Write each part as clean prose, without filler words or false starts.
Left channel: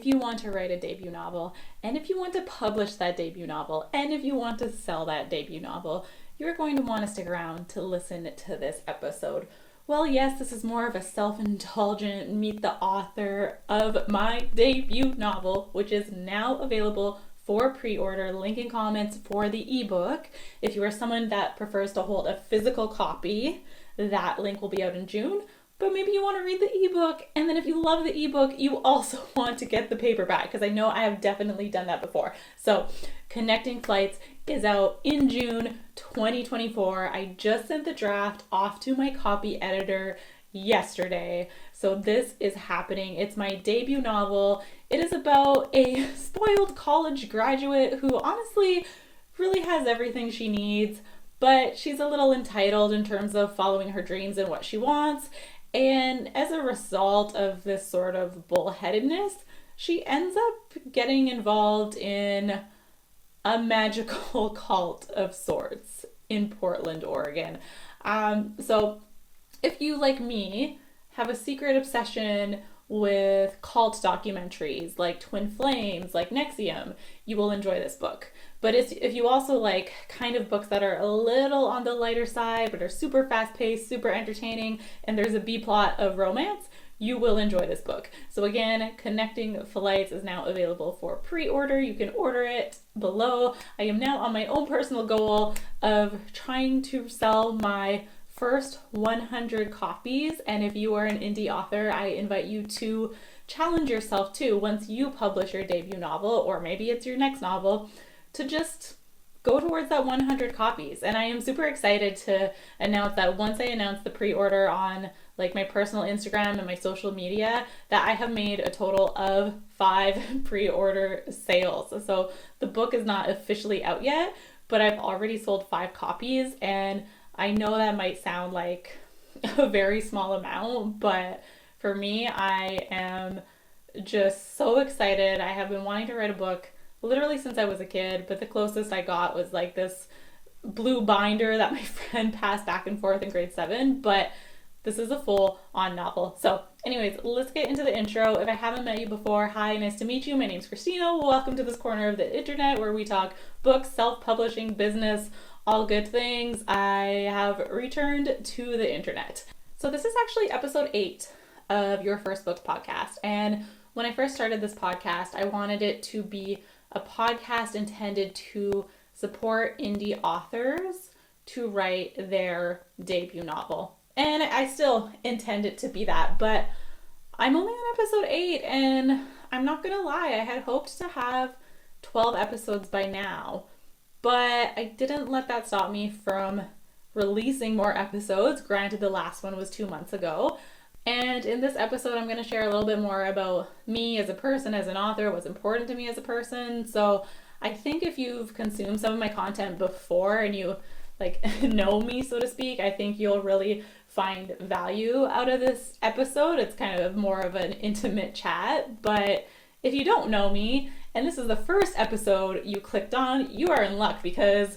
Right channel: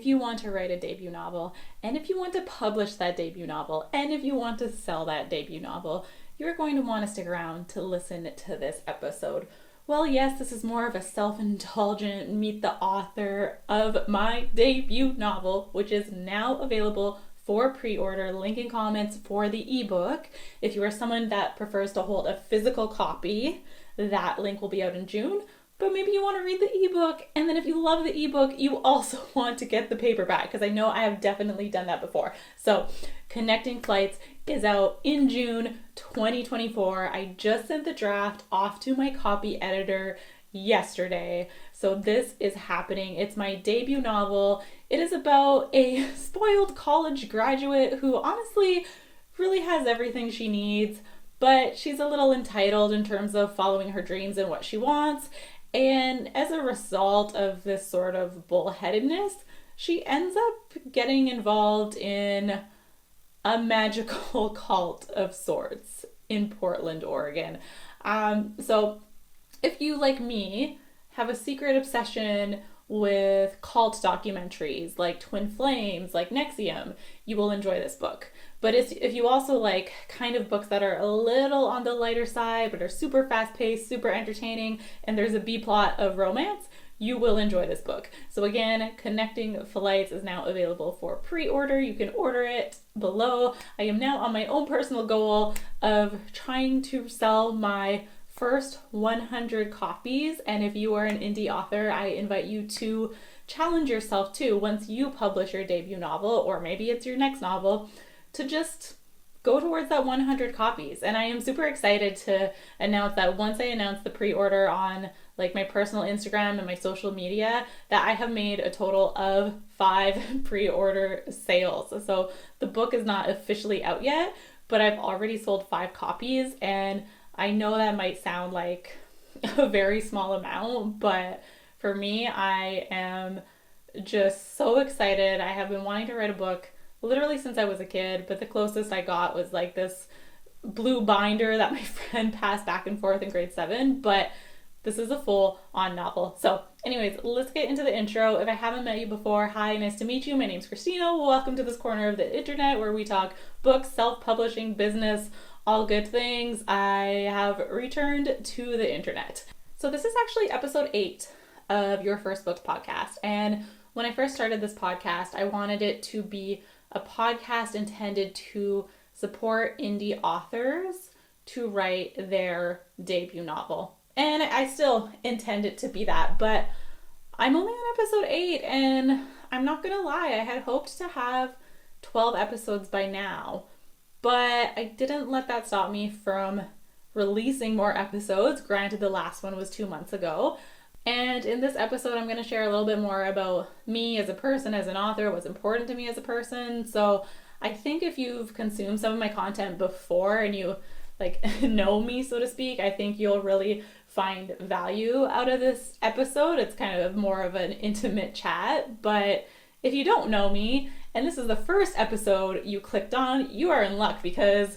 If you want to write a debut novel, and if you want to publish that debut novel, and if you want to sell that debut novel, you're going to want to stick around to listen to this episode. Well, yes, this is more of a self-indulgent meet the author of my debut novel, which is now available for pre-order. Link in comments for the ebook. If you are someone that prefers to hold a physical copy, that link will be out in June. But maybe you want to read the ebook, and then if you love the ebook, you also want to get the paperback, because I know I have definitely done that before. So, Connecting Flights is out in June 2024. I just sent the draft off to my copy editor yesterday. So this is happening. It's my debut novel. It is about a spoiled college graduate who honestly really has everything she needs, but she's a little entitled in terms of following her dreams and what she wants. And as a result of this sort of bullheadedness, she ends up getting involved in a magical cult of sorts in Portland, Oregon. So if you, like me, have a secret obsession with cult documentaries like Twin Flames, like Nexium, you will enjoy this book. But if you also like kind of books that are a little on the lighter side but are super fast-paced, super entertaining, and there's a B-plot of romance, you will enjoy this book. So again, Connecting Flights is now available for pre-order. You can order it below. I am now on my own personal goal of trying to sell my first 100 copies, and if you are an indie author, I invite you to challenge yourself too, once you publish your debut novel, or maybe it's your next novel, to just go towards that 100 copies. And I am super excited to announce that once I announce the pre-order on like my personal Instagram and my social media, that I have made a total of 5 pre-order sales. So the book is not officially out yet, but I've already sold 5 copies, and I know that might sound like a very small amount, but for me, I am just so excited. I have been wanting to write a book literally since I was a kid, but the closest I got was like this blue binder that my friend passed back and forth in grade 7, but this is a full-on novel. So anyways, let's get into the intro. If I haven't met you before, hi, nice to meet you. My name's Kristina. Welcome to this corner of the internet where we talk books, self-publishing, business, all good things. I have returned to the internet. So this is actually episode 8 of Your First Books podcast. And when I first started this podcast, I wanted it to be a podcast intended to support indie authors to write their debut novel. And I still intend it to be that, but I'm only on episode 8, and I'm not gonna lie, I had hoped to have 12 episodes by now, but I didn't let that stop me from releasing more episodes. Granted, the last one was 2 months ago. And in this episode, I'm going to share a little bit more about me as a person, as an author, what's important to me as a person. So I think if you've consumed some of my content before and you like know me, so to speak, I think you'll really find value out of this episode. It's kind of more of an intimate chat. But if you don't know me, and this is the first episode you clicked on, you are in luck, because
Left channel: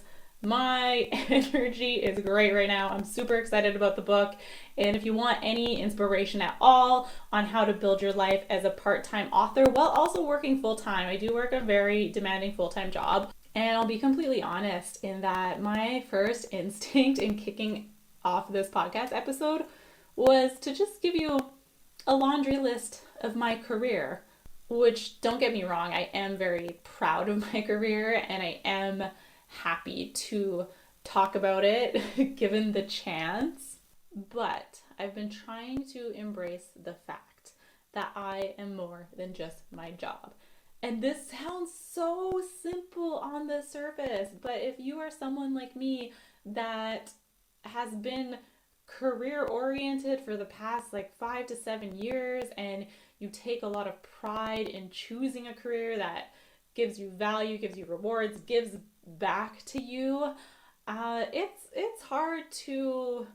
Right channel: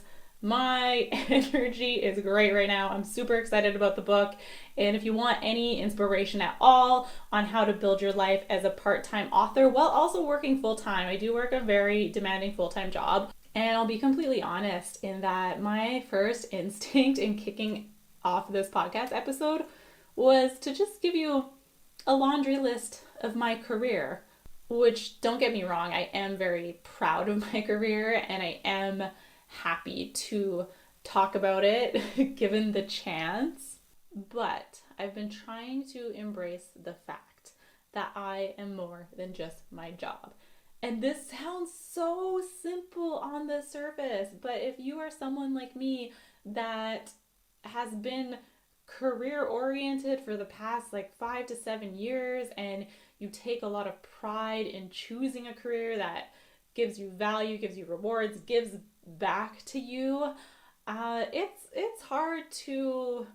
my energy is great right now. I'm super excited about the book. And if you want any inspiration at all on how to build your life as a part-time author while also working full-time, I do work a very demanding full-time job. And I'll be completely honest in that my first instinct in kicking off this podcast episode was to just give you a laundry list of my career, which, don't get me wrong, I am very proud of my career and I am happy to talk about it given the chance. But I've been trying to embrace the fact that I am more than just my job. And this sounds so simple on the surface, but if you are someone like me that has been career oriented for the past like 5 to 7 years, and you take a lot of pride in choosing a career that gives you value, gives you rewards, gives back to you, it's hard to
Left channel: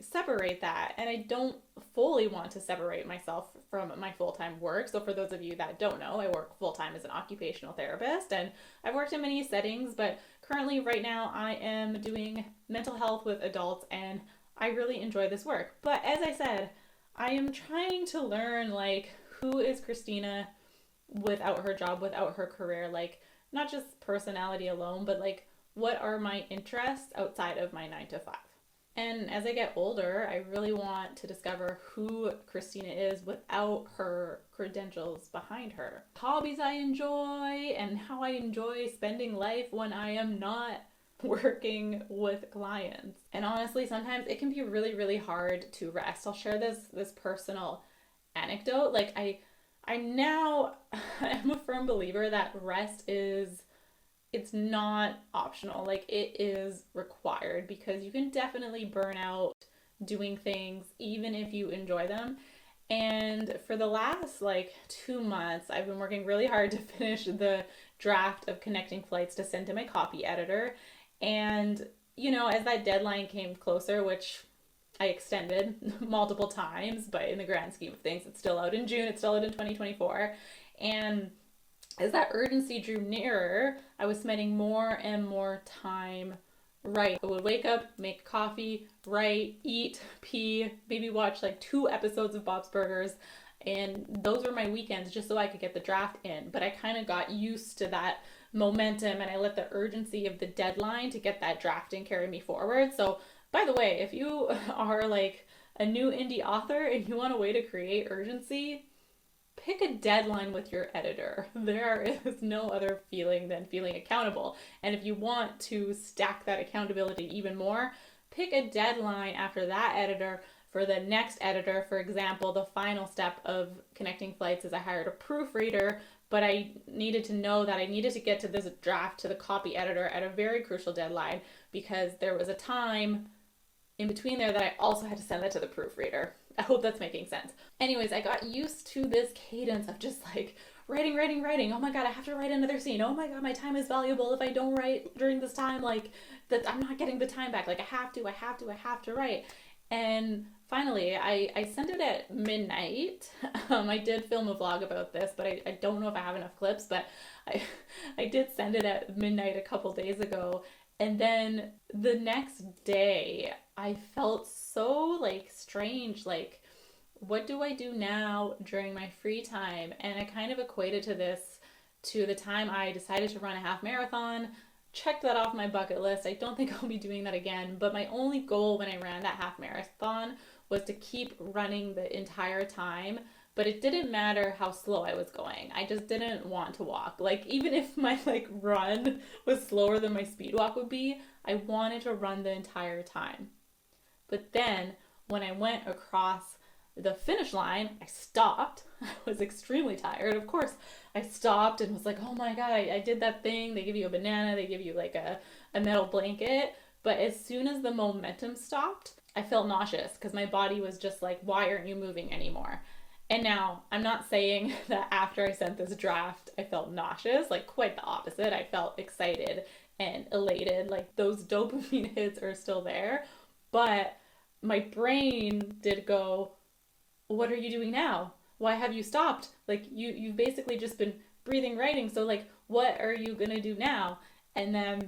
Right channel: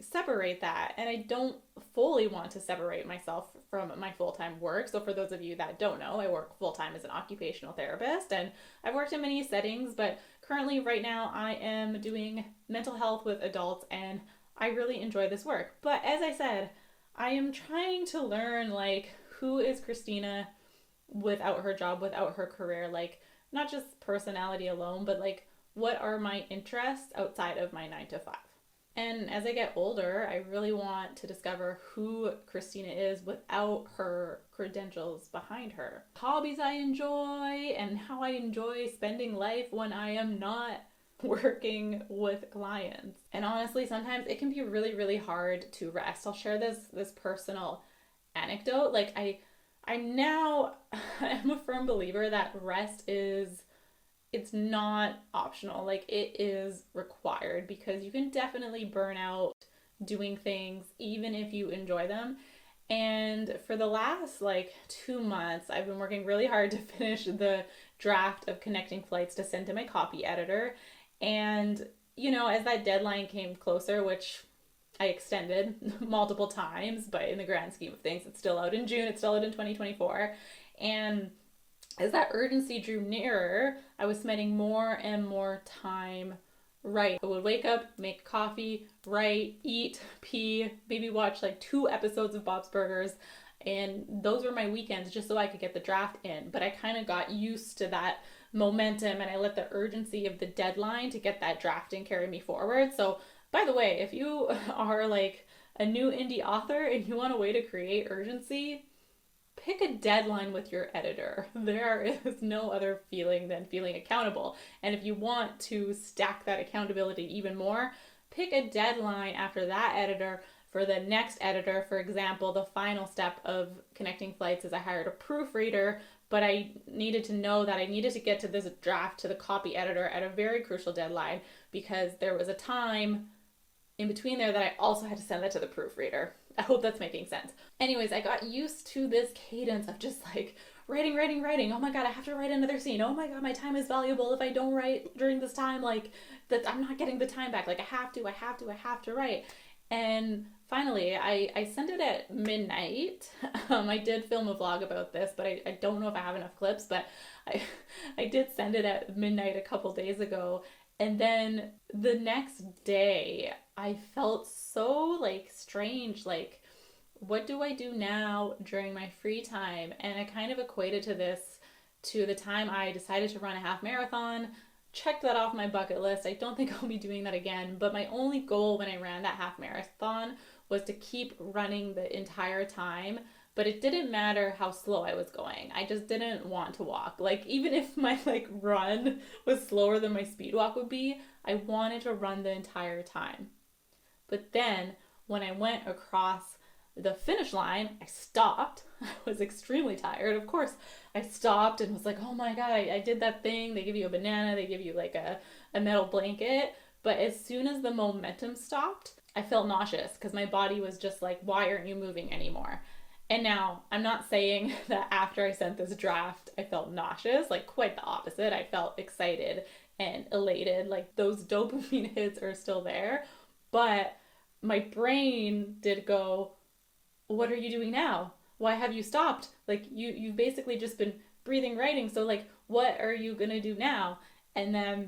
separate that, and I don't fully want to separate myself from my full-time work. So for those of you that don't know, I work full-time as an occupational therapist, and I've worked in many settings, but currently right now I am doing mental health with adults, and I really enjoy this work. But as I said, I am trying to learn, like, who is Kristina without her job, without her career, like not just personality alone, but like what are my interests outside of my 9 to 5? And as I get older, I really want to discover who Kristina is without her credentials behind her. Hobbies I enjoy and how I enjoy spending life when I am not working with clients. And honestly, sometimes it can be really, really hard to rest. I'll share this personal anecdote. Like I'm now I'm a firm believer that rest is it's not optional. Like it is required because you can definitely burn out doing things even if you enjoy them. And for the last like 2 months, I've been working really hard to finish the draft of Connecting Flights to send to my copy editor. And, as that deadline came closer, which I extended multiple times, but in the grand scheme of things, it's still out in June, it's still out in 2024. And as that urgency drew nearer, I was spending more and more time writing. I would wake up, make coffee, write, eat, pee, maybe watch like 2 episodes of Bob's Burgers. And those were my weekends just so I could get the draft in. But I kind of got used to that momentum and I let the urgency of the deadline to get that draft in carry me forward. So, by the way, if you are like a new indie author and you want a way to create urgency, pick a deadline with your editor. There is no other feeling than feeling accountable. And if you want to stack that accountability even more, pick a deadline after that editor for the next editor. For example, the final step of Connecting Flights is I hired a proofreader, but I needed to know that I needed to get to this draft to the copy editor at a very crucial deadline because there was a time in between there that I also had to send that to the proofreader. I hope that's making sense. Anyways, I got used to this cadence of just like writing. Oh my God, I have to write another scene. Oh my God, my time is valuable. If I don't write during this time, like that, I'm not getting the time back. Like I have to write. And finally, I sent it at midnight. I did film a vlog about this, but I don't know if I have enough clips, but I did send it at midnight a couple days ago. And then the next day, I felt so like strange, like what do I do now during my free time? And I kind of equated to the time I decided to run a half marathon, checked that off my bucket list. I don't think I'll be doing that again, but my only goal when I ran that half marathon was to keep running the entire time. But it didn't matter how slow I was going. I just didn't want to walk. Like even if my like run was slower than my speed walk would be, I wanted to run the entire time. But then when I went across the finish line, I stopped. I was extremely tired. Of course, I stopped and was like, oh my God, I did that thing. They give you a banana, they give you like a metal blanket. But as soon as the momentum stopped, I felt nauseous because my body was just like, why aren't you moving anymore? And now, I'm not saying that after I sent this draft, I felt nauseous, like quite the opposite. I felt excited and elated, like those dopamine hits are still there. But my brain did go, what are you doing now? Why have you stopped? Like you've basically just been breathing, writing. So like, what are you gonna do now? And then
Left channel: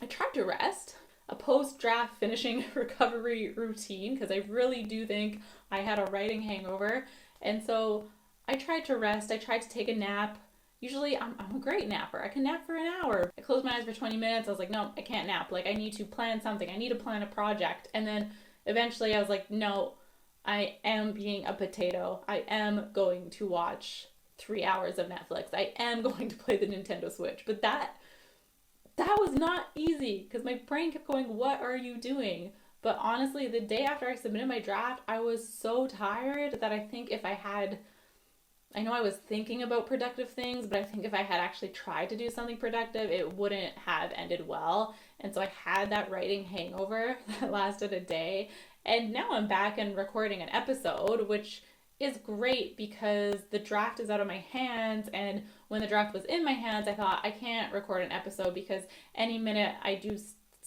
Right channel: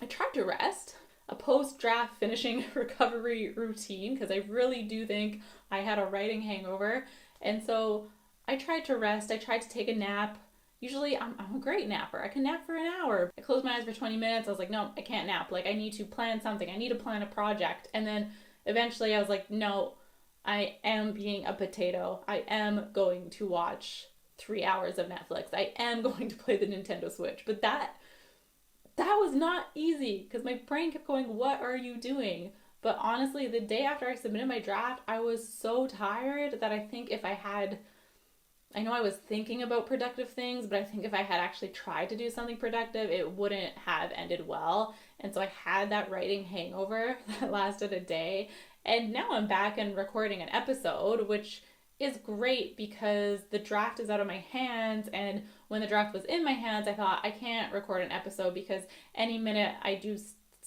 I tried to rest, a post-draft finishing recovery routine, because I really do think I had a writing hangover. And so I tried to rest. I tried to take a nap. Usually I'm a great napper. I can nap for an hour. I closed my eyes for 20 minutes. I was like, no, I can't nap. Like I need to plan something. I need to plan a project. And then eventually I was like, no, I am being a potato. I am going to watch 3 hours of Netflix. I am going to play the Nintendo Switch. But that was not easy because my brain kept going, what are you doing? But honestly, the day after I submitted my draft, I was so tired that I think if I had, I know I was thinking about productive things, but I think if I had actually tried to do something productive, it wouldn't have ended well. And so I had that writing hangover that lasted a day. And now I'm back and recording an episode, which is great because the draft is out of my hands. And when the draft was in my hands, I thought I can't record an episode because any minute I do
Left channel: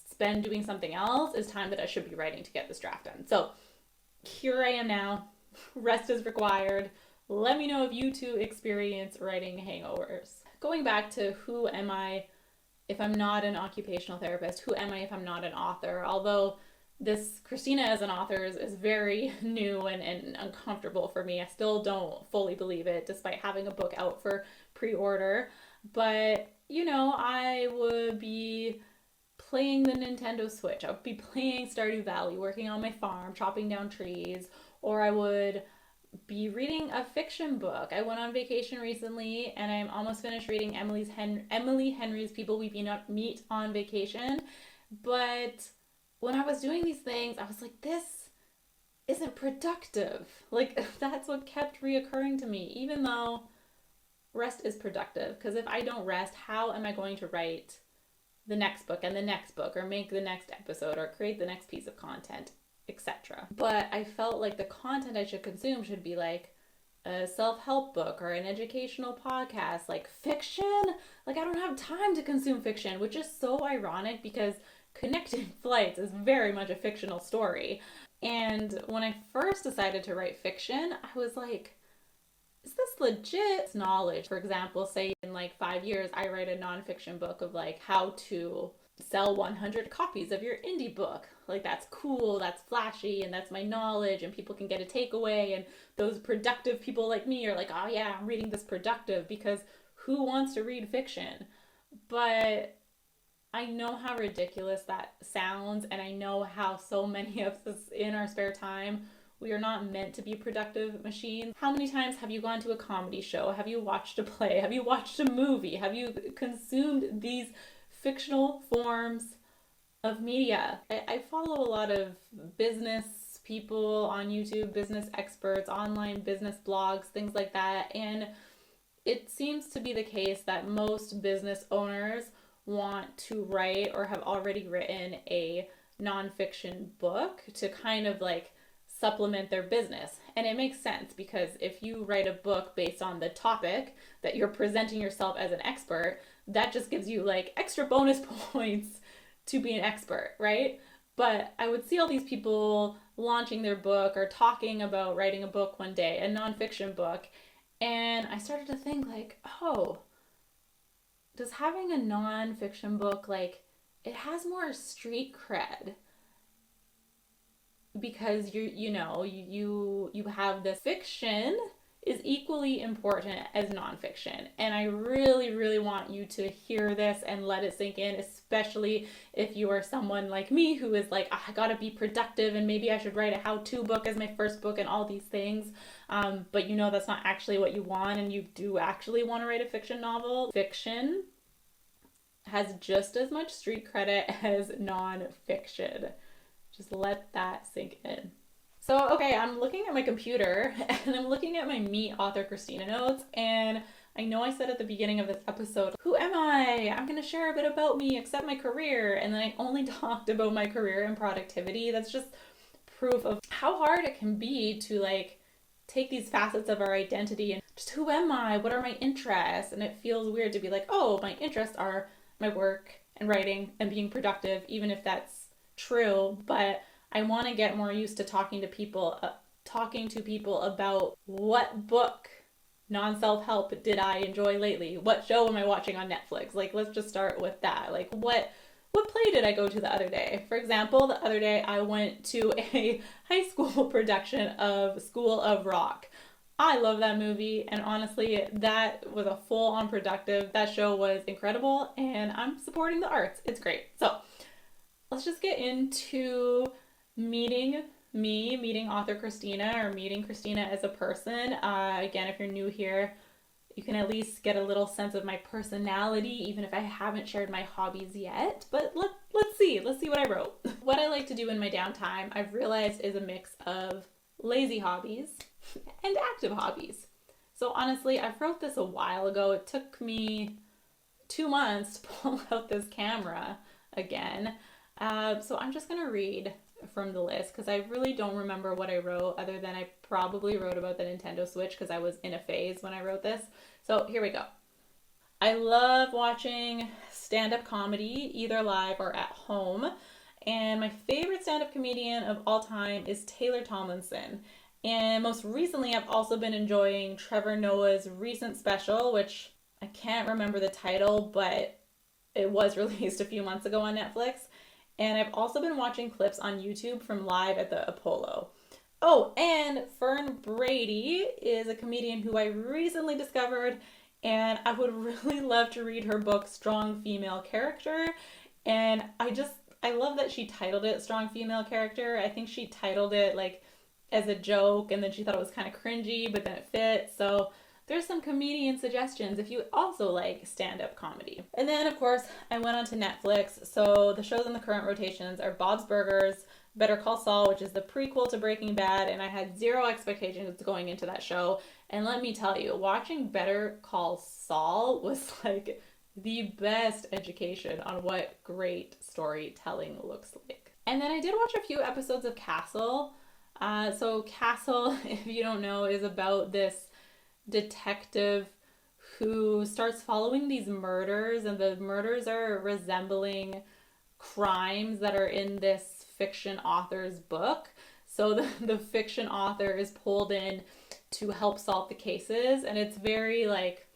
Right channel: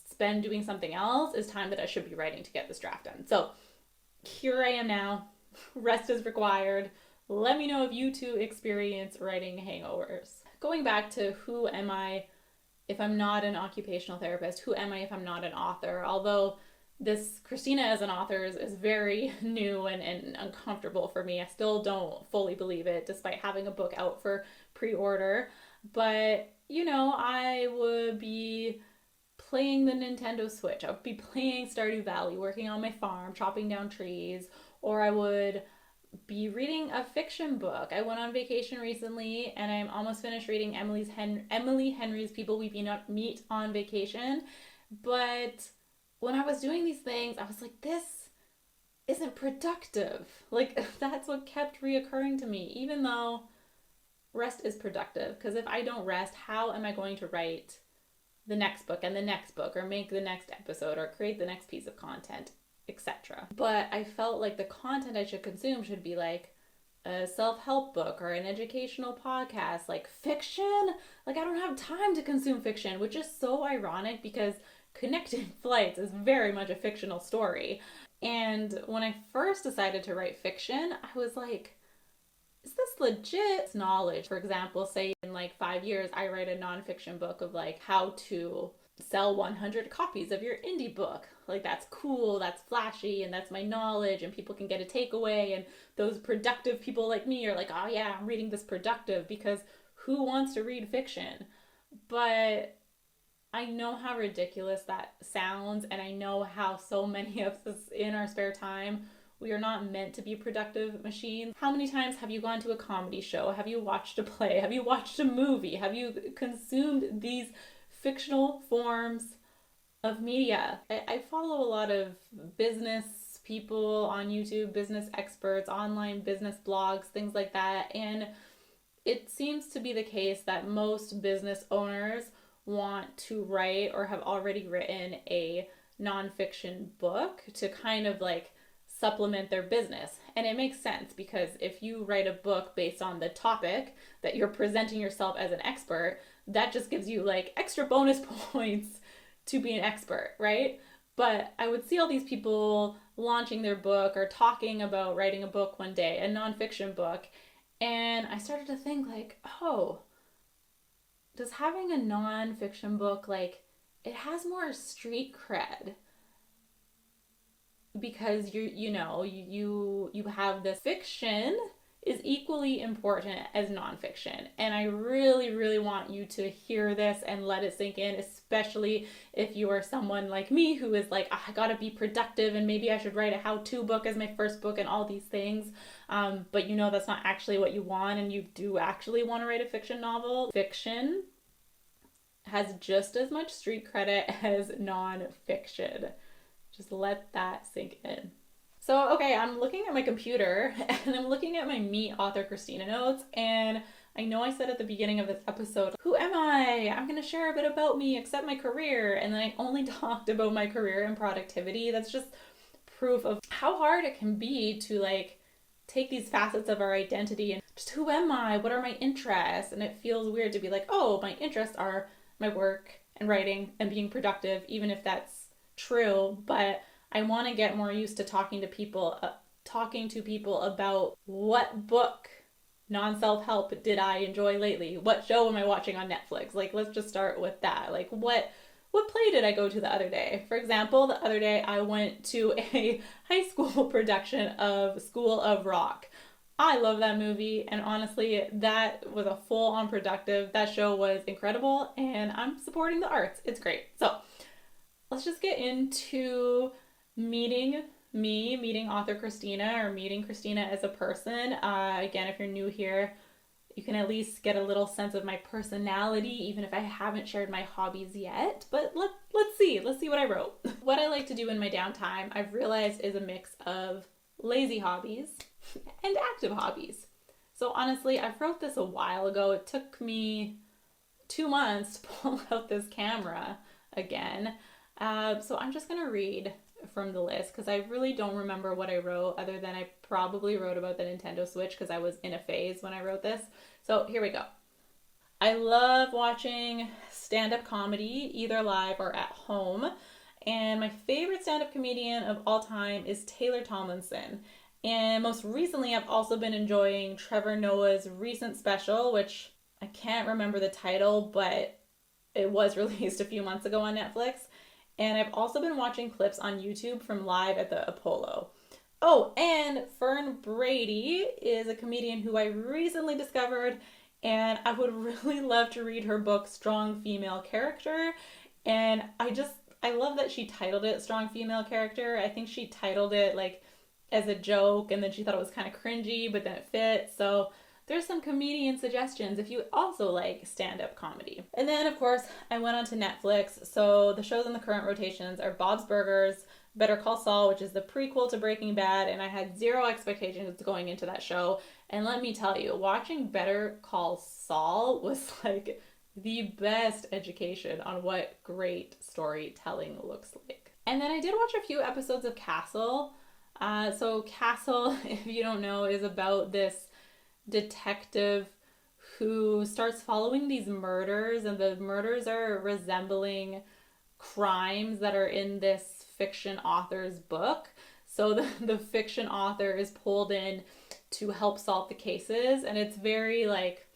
spend doing something else is time that I should be writing to get this draft done. So here I am now. Rest is required. Let me know if you too experience writing hangovers. Going back to who am I if I'm not an occupational therapist? Who am I if I'm not an author? Although this Kristina as an author is very new and uncomfortable for me. I still don't fully believe it, despite having a book out for pre-order, but I would be playing the Nintendo Switch. I would be playing Stardew Valley, working on my farm, chopping down trees, or I would be reading a fiction book. I went on vacation recently and I'm almost finished reading Emily Henry's People We Meet on Vacation. But when I was doing these things, I was like, this isn't productive. Like, that's what kept reoccurring to me, even though rest is productive. Because if I don't rest, how am I going to write the next book and the next book, or make the next episode, or create the next piece of content, etc.? But I felt like the content I should consume should be like a self-help book or an educational podcast. Like fiction, like I don't have time to consume fiction, which is so ironic because Connecting Flights is very much a fictional story. And when I first decided to write fiction, I was like, is this legit knowledge? For example, say in like 5 years, I write a nonfiction book of like how to sell 100 copies of your indie book. Like, that's cool, that's flashy, and that's my knowledge, and people can get a takeaway, and those productive people like me are like, oh yeah, I'm reading this productive, because who wants to read fiction? But I know how ridiculous that sounds, and I know how so many of us in our spare time, we are not meant to be productive machines. How many times have you gone to a comedy show? Have you watched a play? Have you watched a movie? Have you consumed these fictional forms of media? I follow a lot of business people on YouTube, business experts, online business blogs, things like that. And it seems to be the case that most business owners want to write or have already written a nonfiction book to kind of like supplement their business. And it makes sense, because if you write a book based on the topic that you're presenting yourself as an expert, that just gives you like extra bonus points to be an expert, right? But I would see all these people launching their book or talking about writing a book one day, a nonfiction book, and I started to think like, oh, does having a nonfiction book, like, it has more street cred, because you have this fiction is equally important as nonfiction. And I really, really want you to hear this and let it sink in, especially if you are someone like me who is like, I gotta be productive and maybe I should write a how-to book as my first book and all these things. But that's not actually what you want, and you do actually want to write a fiction novel. Fiction has just as much street credit as nonfiction. Just let that sink in. So, okay, I'm looking at my computer and I'm looking at my Meet Author Kristina notes, and I know I said at the beginning of this episode, who am I? I'm going to share a bit about me, except my career, and then I only talked about my career and productivity. That's just proof of how hard it can be to like take these facets of our identity and just, who am I? What are my interests? And it feels weird to be like, oh, my interests are my work and writing and being productive, even if that's true. But I want to get more used to talking to people about what book, non-self-help, did I enjoy lately? What show am I watching on Netflix? Like, let's just start with that. Like, what play did I go to the other day? For example, the other day I went to a high school production of School of Rock. I love that movie, and honestly, that was a full-on productive. That show was incredible, and I'm supporting the arts. It's great. So, let's just get into meeting author Kristina, or meeting Kristina as a person. Again, if you're new here, you can at least get a little sense of my personality, even if I haven't shared my hobbies yet. But let's see what I wrote. What I like to do in my downtime, I've realized, is a mix of lazy hobbies and active hobbies. So honestly, I wrote this a while ago. It took me 2 months to pull out this camera again. So I'm just going to read from the list, because I really don't remember what I wrote, other than I probably wrote about the Nintendo Switch because I was in a phase when I wrote this. So here we go. I love watching stand-up comedy, either live or at home. And my favorite stand-up comedian of all time is Taylor Tomlinson. And most recently, I've also been enjoying Trevor Noah's recent special, which I can't remember the title, but it was released a few months ago on Netflix. And I've also been watching clips on YouTube from Live at the Apollo. Oh, and Fern Brady is a comedian who I recently discovered, and I would really love to read her book, Strong Female Character. And I love that she titled it Strong Female Character. I think she titled it like as a joke, and then she thought it was kind of cringy, but then it fit. So there's some comedian suggestions if you also like stand-up comedy. And then, of course, I went on to Netflix. So the shows in the current rotations are Bob's Burgers, Better Call Saul, which is the prequel to Breaking Bad, and I had zero expectations going into that show. And let me tell you, watching Better Call Saul was like the best education on what great storytelling looks like. And then I did watch a few episodes of Castle. So Castle, if you don't know, is about this detective who starts following these murders, and the murders are resembling crimes that are in this fiction author's book. So the fiction author is pulled in to help solve the cases, and it's very like,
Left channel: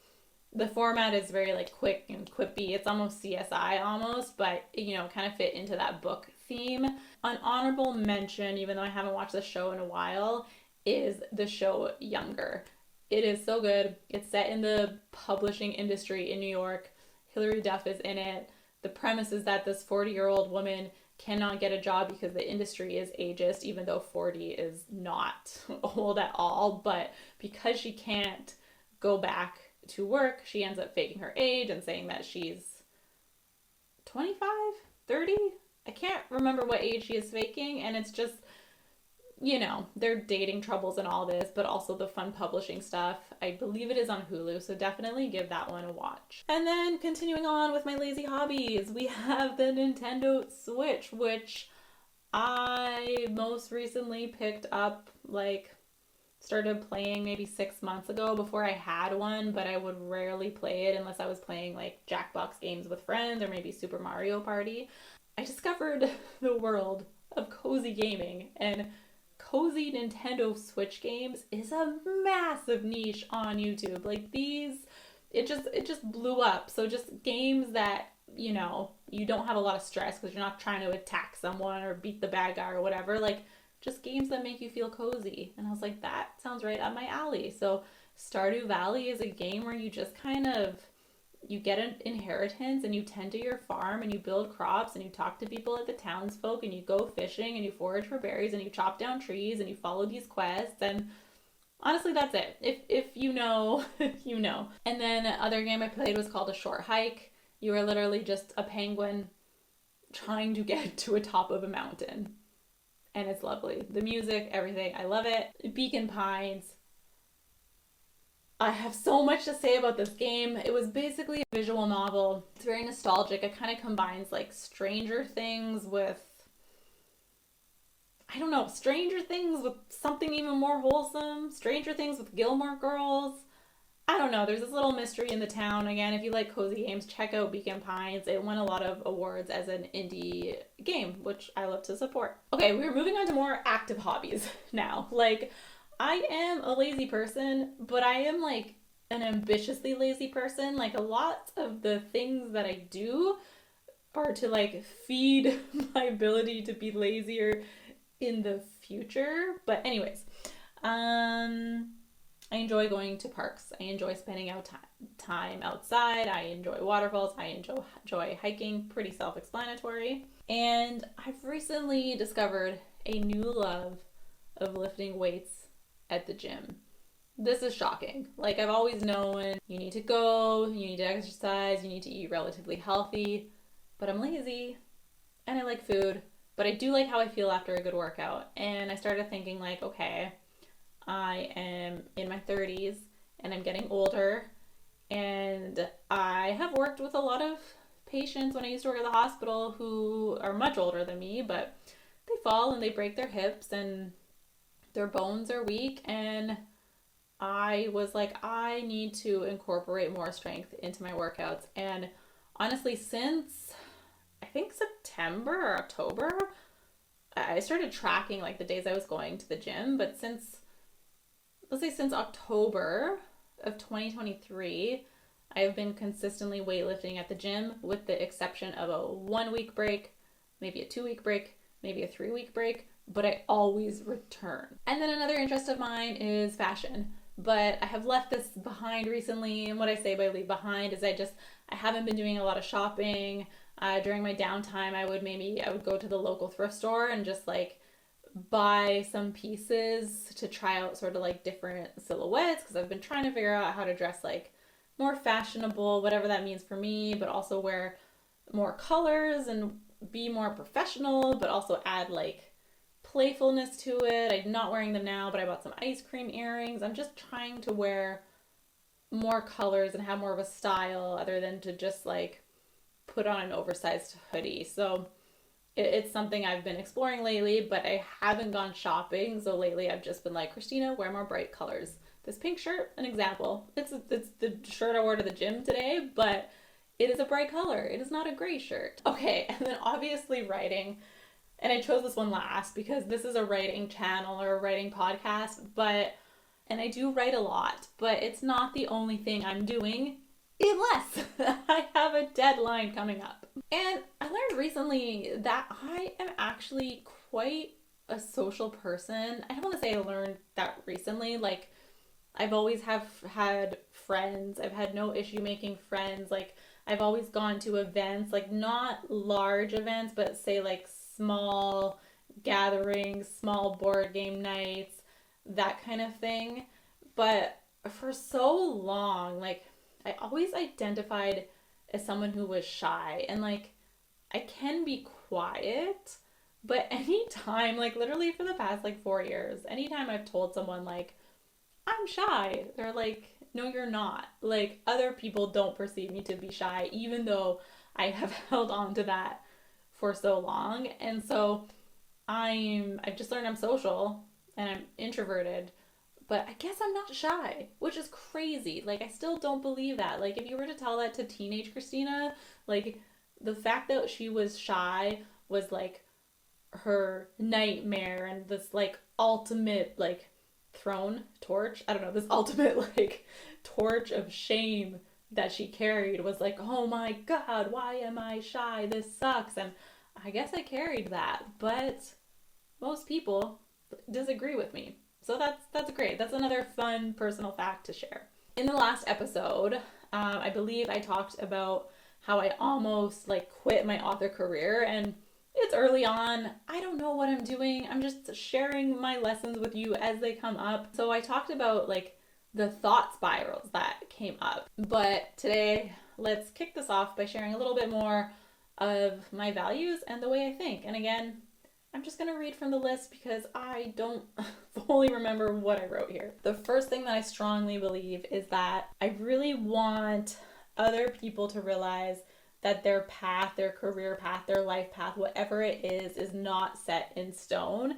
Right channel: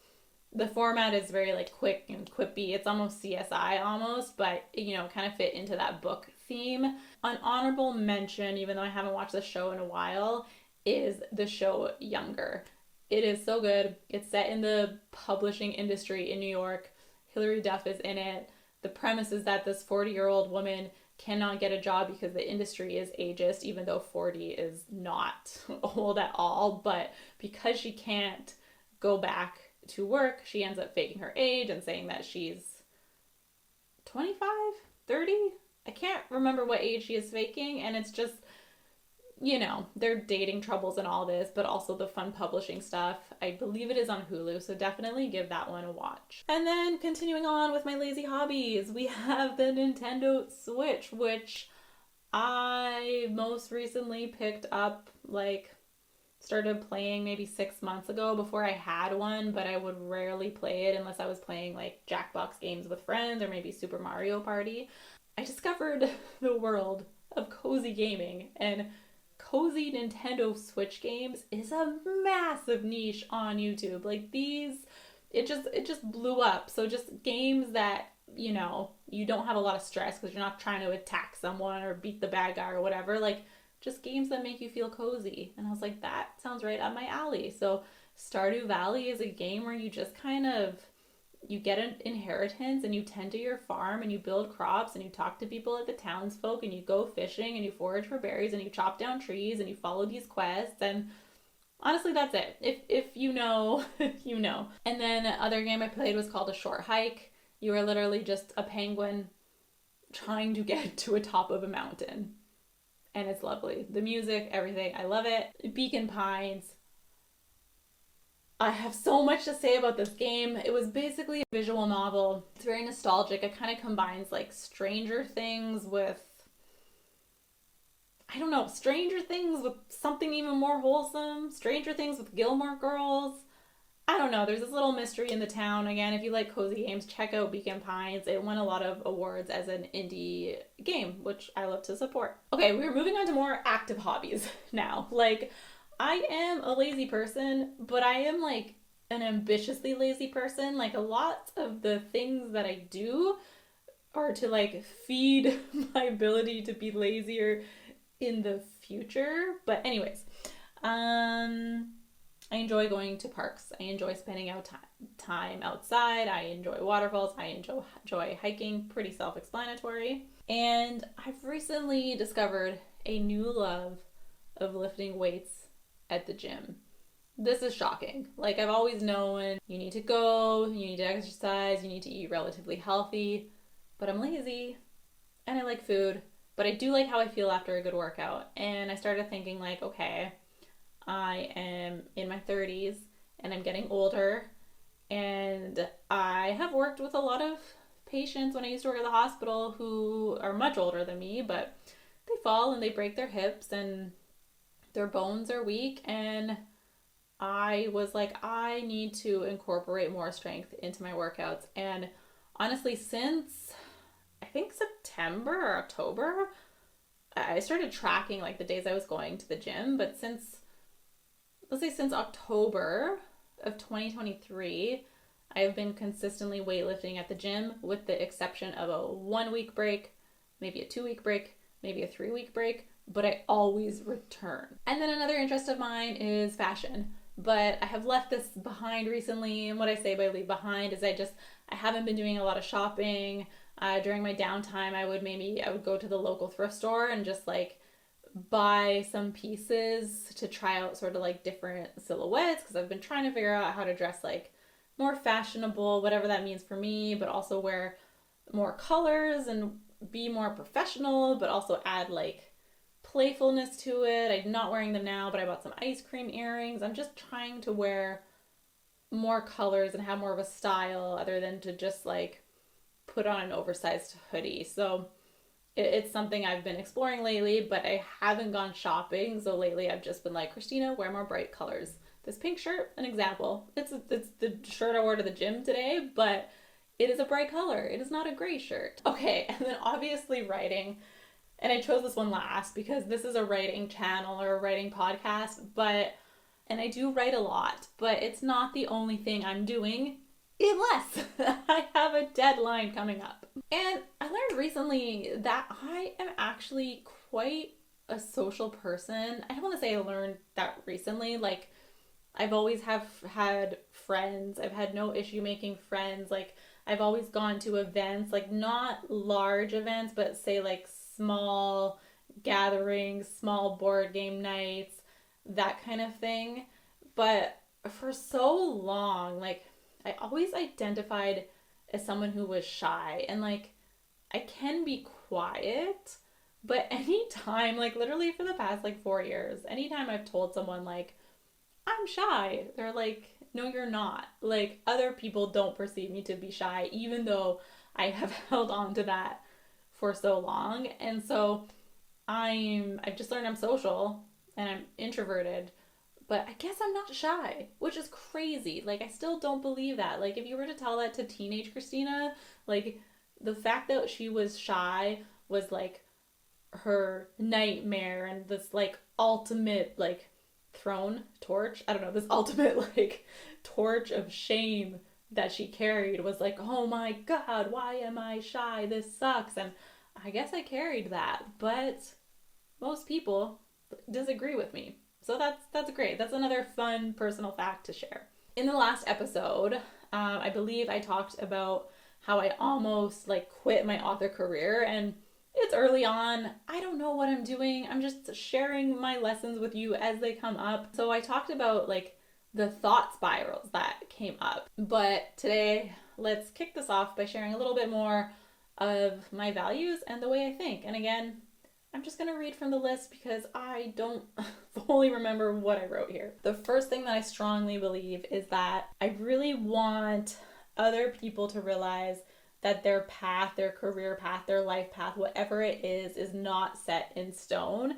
the format is very like quick and quippy. It's almost CSI almost, but kind of fit into that book theme. An honorable mention, even though I haven't watched the show in a while, is the show Younger. It is so good. It's set in the publishing industry in New York. Hilary Duff is in it. The premise is that this 40-year-old woman cannot get a job because the industry is ageist, even though 40 is not old at all. But because she can't go back to work, she ends up faking her age and saying that she's 25, 30. I can't remember what age she is faking, and it's just, their dating troubles and all this, but also the fun publishing stuff. I believe it is on Hulu, so definitely give that one a watch. And then continuing on with my lazy hobbies, we have the Nintendo Switch, which I most recently picked up, started playing maybe 6 months ago before I had one, but I would rarely play it unless I was playing Jackbox games with friends or maybe Super Mario Party. I discovered the world of cozy gaming, and cozy Nintendo Switch games is a massive niche on YouTube. It just blew up. So just games that, you don't have a lot of stress because you're not trying to attack someone or beat the bad guy or whatever. Just games that make you feel cozy. And I was like, that sounds right up my alley. So Stardew Valley is a game where you just you get an inheritance and you tend to your farm and you build crops and you talk to people at the townsfolk and you go fishing and you forage for berries and you chop down trees and you follow these quests, and honestly that's it. If you know, you know. And then other game I played was called A Short Hike. You are literally just a penguin trying to get to a top of a mountain. And it's lovely. The music, everything, I love it. Beacon Pines. I have so much to say about this game. It was basically a visual novel. It's very nostalgic. It kind of combines Stranger Things with, Stranger Things with something even more wholesome. Stranger Things with Gilmore Girls. I don't know. There's this little mystery in the town. Again, if you like cozy games, check out Beacon Pines. It won a lot of awards as an indie game, which I love to support. Okay, we're moving on to more active hobbies now. I am a lazy person, but I am an ambitiously lazy person. A lot of the things that I do are to feed my ability to be lazier in the future. But anyways, I enjoy going to parks. I enjoy spending out time outside. I enjoy waterfalls. I enjoy hiking. Pretty self-explanatory. And I've recently discovered a new love of lifting weights at the gym. This is shocking. I've always known you need to go, you need to exercise, you need to eat relatively healthy, but I'm lazy and I like food, but I do like how I feel after a good workout. And I started thinking okay, I am in my 30s and I'm getting older, and I have worked with a lot of patients when I used to work at the hospital who are much older than me, but they fall and they break their hips and their bones are weak, and I was I need to incorporate more strength into my workouts. And honestly, since I think September or October, I started tracking the days I was going to the gym, but since October of 2023, I have been consistently weightlifting at the gym, with the exception of a 1 week break, maybe a 2 week break, maybe a 3 week break, but I always return. And then another interest of mine is fashion. but I have left this behind recently. And what I say by leave behind is I haven't been doing a lot of shopping. During my downtime, I would go to the local thrift store and just like buy some pieces to try out sort of like different silhouettes, because I've been trying to figure out how to dress like more fashionable, whatever that means for me, but also wear more colors and be more professional, but also add like playfulness to it. I'm not wearing them now, but I bought some ice cream earrings. I'm just trying to wear more colors and have more of a style other than to just like put on an oversized hoodie. So it's something I've been exploring lately, but I haven't gone shopping. So lately I've just been like, Kristina, wear more bright colors. This pink shirt, an example. It's the shirt I wore to the gym today, but it is a bright color. It is not a gray shirt. Okay, and then obviously writing. And I chose this one last because this is a writing channel or a writing podcast, and I do write a lot, but it's not the only thing I'm doing unless I have a deadline coming up. And I learned recently that I am actually quite a social person. I don't want to say I learned that recently. Like, I've always have had friends. I've had no issue making friends. Like, I've always gone to events, like not large events, but say like small gatherings, small board game nights, that kind of thing. But for so long, like, I always identified as someone who was shy, and like I can be quiet, but anytime, like literally for the past like 4 years, anytime I've told someone like I'm shy, they're like, no, you're not. Like, other people don't perceive me to be shy, even though I have held on to that for so long. And so I've just learned I'm social and I'm introverted, but I guess I'm not shy, which is crazy. Like, I still don't believe that. Like, if you were to tell that to teenage Kristina, like, the fact that she was shy was like her nightmare, and this like ultimate like torch, I don't know, this ultimate like torch of shame that she carried was like, oh my god, why am I shy? This sucks. And I guess I carried that, but most people disagree with me. So that's great. That's another fun personal fact to share. In the last episode, I believe I talked about how I almost like quit my author career, and it's early on. I don't know what I'm doing. I'm just sharing my lessons with you as they come up. So I talked about like the thought spirals that came up. But today, let's kick this off by sharing a little bit more of my values and the way I think. And again, I'm just going to read from the list because I don't fully remember what I wrote here. The first thing that I strongly believe is that I really want other people to realize that their path, their career path, their life path, whatever it is not set in stone,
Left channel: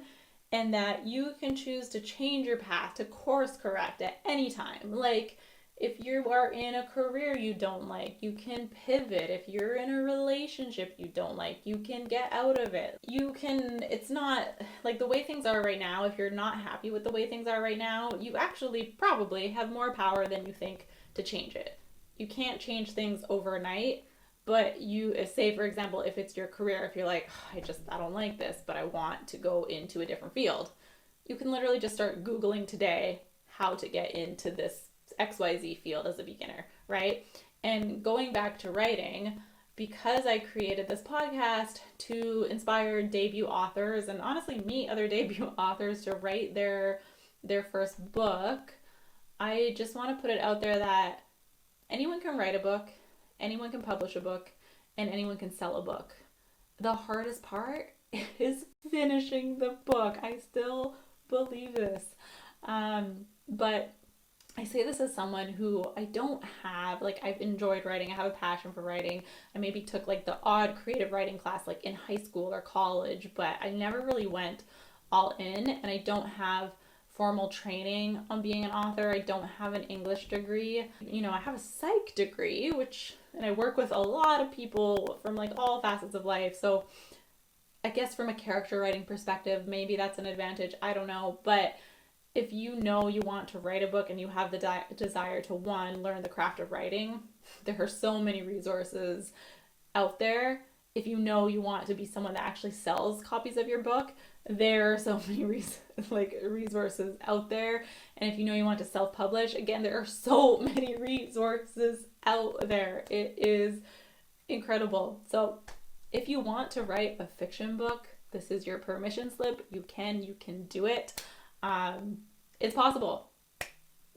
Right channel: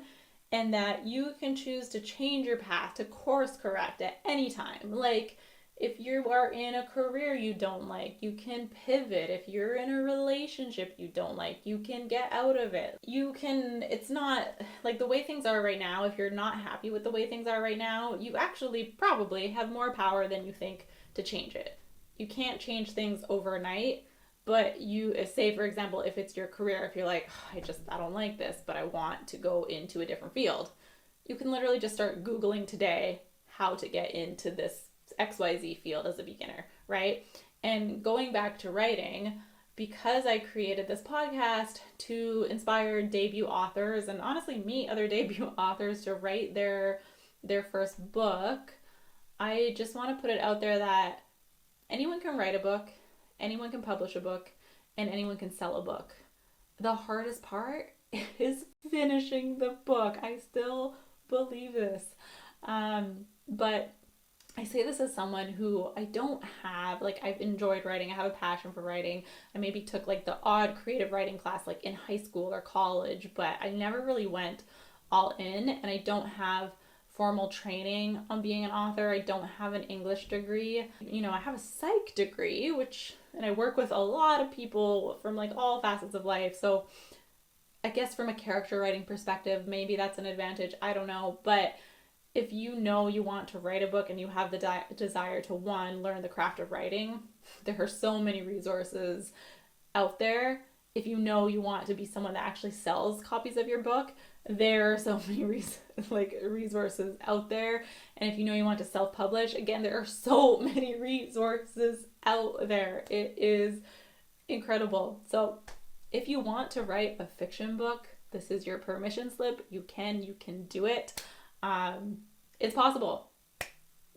and that you can choose to change your path, to course correct at any time. Like, if you are in a career you don't like, you can pivot. If you're in a relationship you don't like, you can get out of it. It's not like the way things are right now. If you're not happy with the way things are right now, you actually probably have more power than you think to change it. You can't change things overnight, but you say, for example, if it's your career, if you're like, I don't like this, but I want to go into a different field, you can literally just start Googling today how to get into this XYZ field as a beginner, right? And going back to writing, because I created this podcast to inspire debut authors and honestly meet other debut authors to write their first book, I just want to put it out there that anyone can write a book, anyone can publish a book, and anyone can sell a book. The hardest part is finishing the book. I still believe this. But I say this as someone who I don't have, like, I've enjoyed writing. I have a passion for writing. I maybe took like the odd creative writing class like in high school or college, but I never really went all in, and I don't have formal training on being an author. I don't have an English degree. I have a psych degree, and I work with a lot of people from like all facets of life. So I guess from a character writing perspective, maybe that's an advantage. I don't know. But if you know you want to write a book and you have the desire to, one, learn the craft of writing, there are so many resources out there. If you know you want to be someone that actually sells copies of your book, There are so many resources out there. And if you know you want to self-publish, again, there are so many resources out there. It is incredible. So if you want to write a fiction book, this is your permission slip. You can do it. It's possible.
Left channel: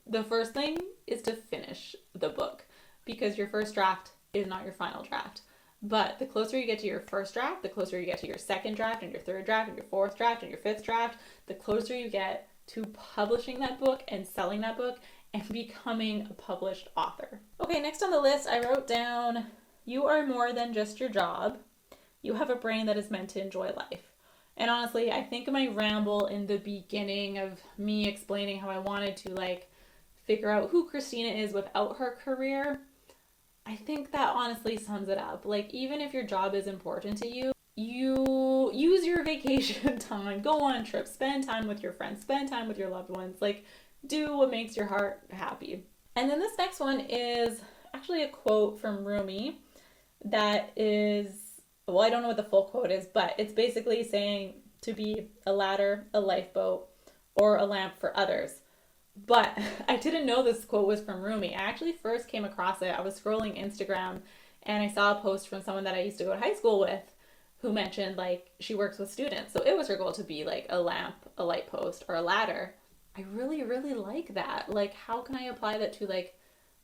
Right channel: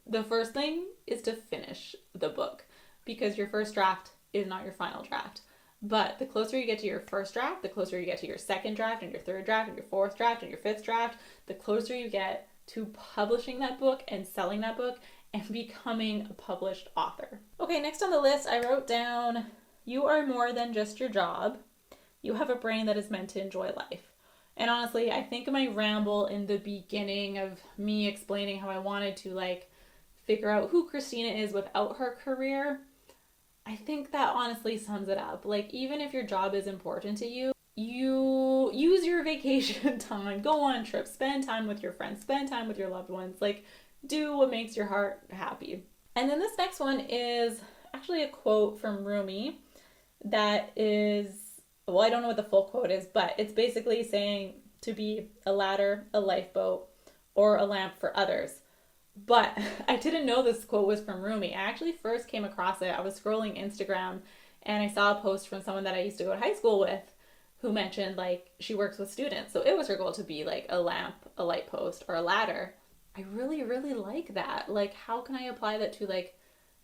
The first thing is to finish the book, because your first draft is not your final draft. But the closer you get to your first draft, the closer you get to your second draft and your third draft and your fourth draft and your fifth draft, the closer you get to publishing that book and selling that book and becoming a published author. Okay, next on the list, I wrote down, you are more than just your job. You have a brain that is meant to enjoy life. And honestly, I think my ramble in the beginning of me explaining how I wanted to figure out who Kristina is without her career, I think that honestly sums it up. Even if your job is important to you, you use your vacation time, go on trips, spend time with your friends, spend time with your loved ones, do what makes your heart happy. And then this next one is actually a quote from Rumi that is, well, I don't know what the full quote is, but it's basically saying to be a ladder, a lifeboat, or a lamp for others. But I didn't know this quote was from Rumi. I actually first came across it. I was scrolling Instagram and I saw a post from someone that I used to go to high school with who mentioned she works with students. So it was her goal to be a lamp, a light post, or a ladder. I really, really like that. How can I apply that to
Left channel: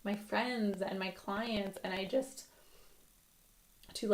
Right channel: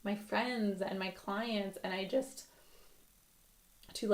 my friends and my clients? And I just, to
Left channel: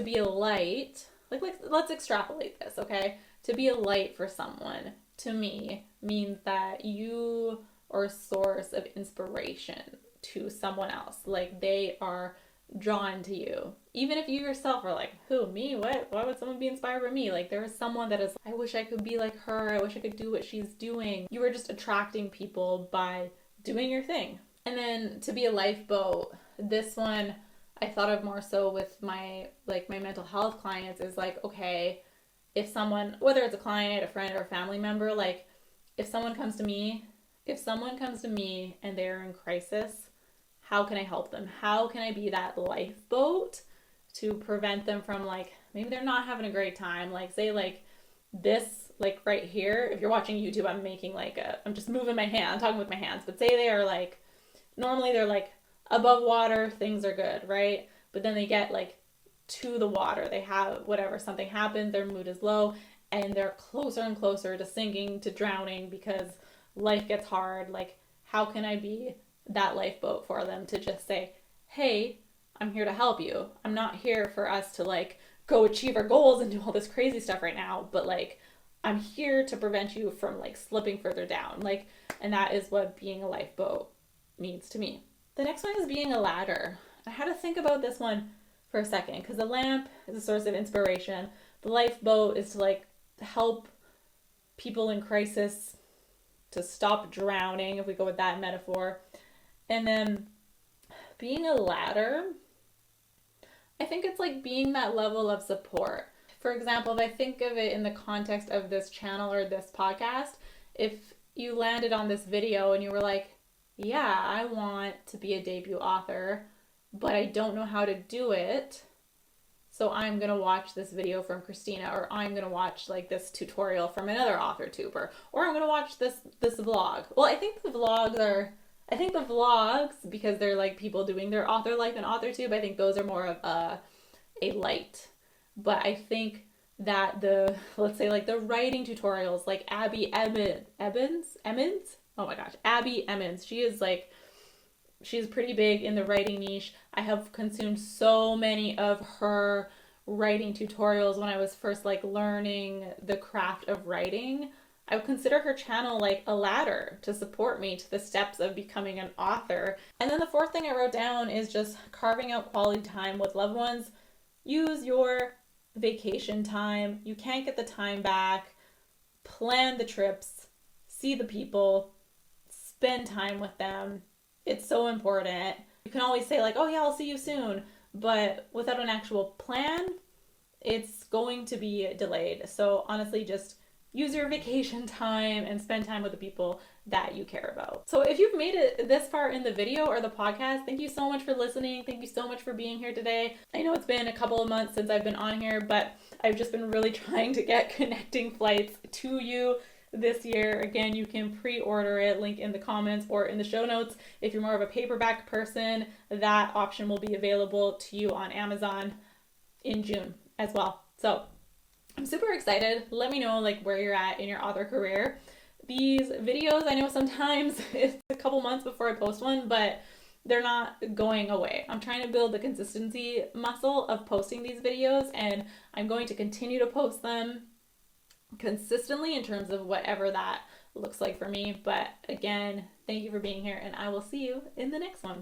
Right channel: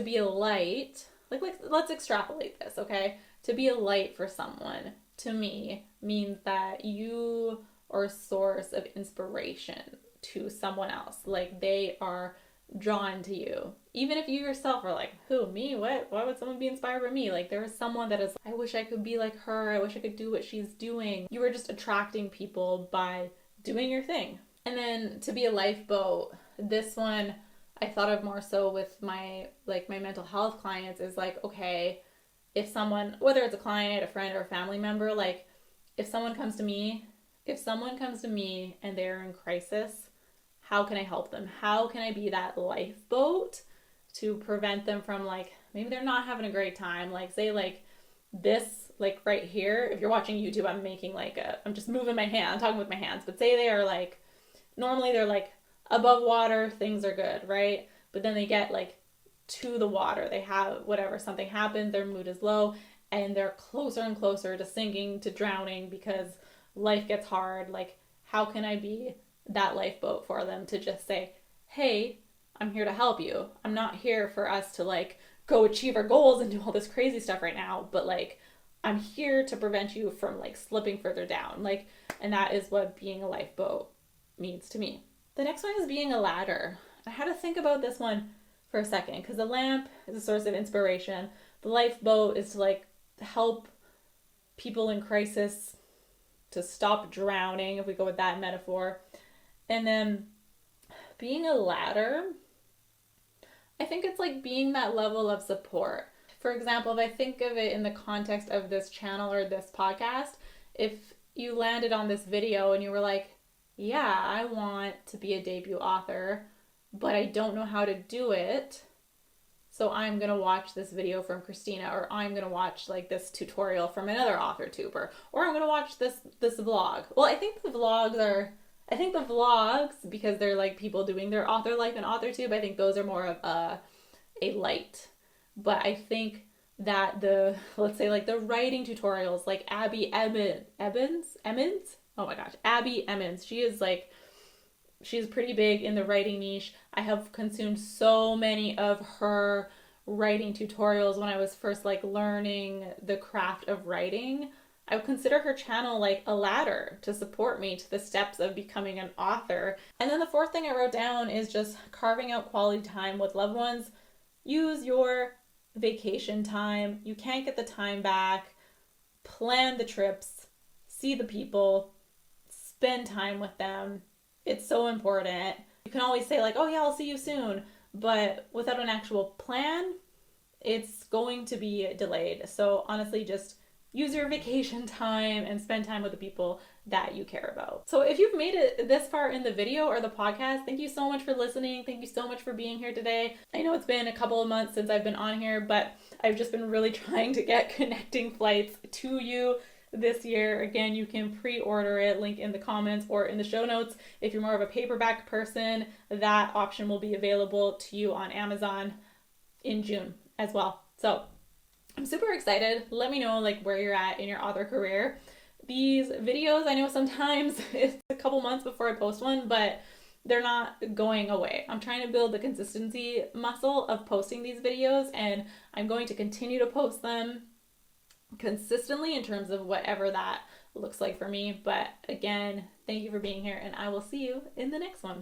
be a light, let's extrapolate this, okay? To be a light for someone, to me, means that you are a source of inspiration to someone else. They are drawn to you. Even if you yourself are who, me? What? Why would someone be inspired by me? There is someone that is, I wish I could be like her. I wish I could do what she's doing. You are just attracting people by doing your thing. And then to be a lifeboat, this one I thought of more so with my mental health clients is okay, if someone, whether it's a client, a friend, or a family member, if someone comes to me and they're in crisis, how can I help them? How can I be that lifeboat to prevent them from maybe they're not having a great time, say this, right here. If you're watching YouTube, I'm making I'm just moving my hand, I'm talking with my hands, but say they are normally they're above water, things are good, right? But then they get to the water, they have whatever, something happens, their mood is low, and they're closer and closer to sinking, to drowning, because life gets hard. How can I be that lifeboat for them to just say, hey, I'm here to help you. I'm not here for us to go achieve our goals and do all this crazy stuff right now, but I'm here to prevent you from slipping further down. And that is what being a lifeboat means to me. The next one is being a ladder. I had to think about this one for a second, because the lamp is a source of inspiration. The lifeboat is to help people in crisis to stop drowning, if we go with that metaphor. And then being a ladder, I think it's being that level of support. For example, if I think of it in the context of this channel or this podcast, if you landed on this video and you were yeah, I want to be a debut author, but I don't know how to do it, so I'm going to watch this video from Kristina, or I'm going to watch this tutorial from another author tuber, or I'm going to watch this vlog. Well, I think the vlogs, because they're people doing their author life and author tube, I think those are more of a light. But I think that let's say the writing tutorials, Abby Emmons? Oh my gosh, Abby Emmons. She's pretty big in the writing niche. I have consumed so many of her writing tutorials when I was first learning the craft of writing. I would consider her channel a ladder to support me to the steps of becoming an author. And then the fourth thing I wrote down is just carving out quality time with loved ones. Use your vacation time. You can't get the time back. Plan the trips. See the people. Spend time with them. It's so important. You can always say oh yeah, I'll see you soon, but without an actual plan, it's going to be delayed. So honestly, just use your vacation time and spend time with the people that you care about. So if you've made it this far in the video or the podcast, thank you so much for listening. Thank you so much for being here today. I know it's been a couple of months since I've been on here, but I've just been really trying to get connecting flights to you this year. Again, you can pre-order it, link in the comments or in the show notes. If you're more of a paperback person, that option will be available to you on Amazon in June as well. So I'm super excited. Let me know where you're at in your author career. These videos, I know sometimes it's a couple months before I post one, but they're not going away. I'm trying to build the consistency muscle of posting these videos, and I'm going to continue to post them consistently in terms of whatever that looks like for me. But again, thank you for being here, and I will see you in the next one.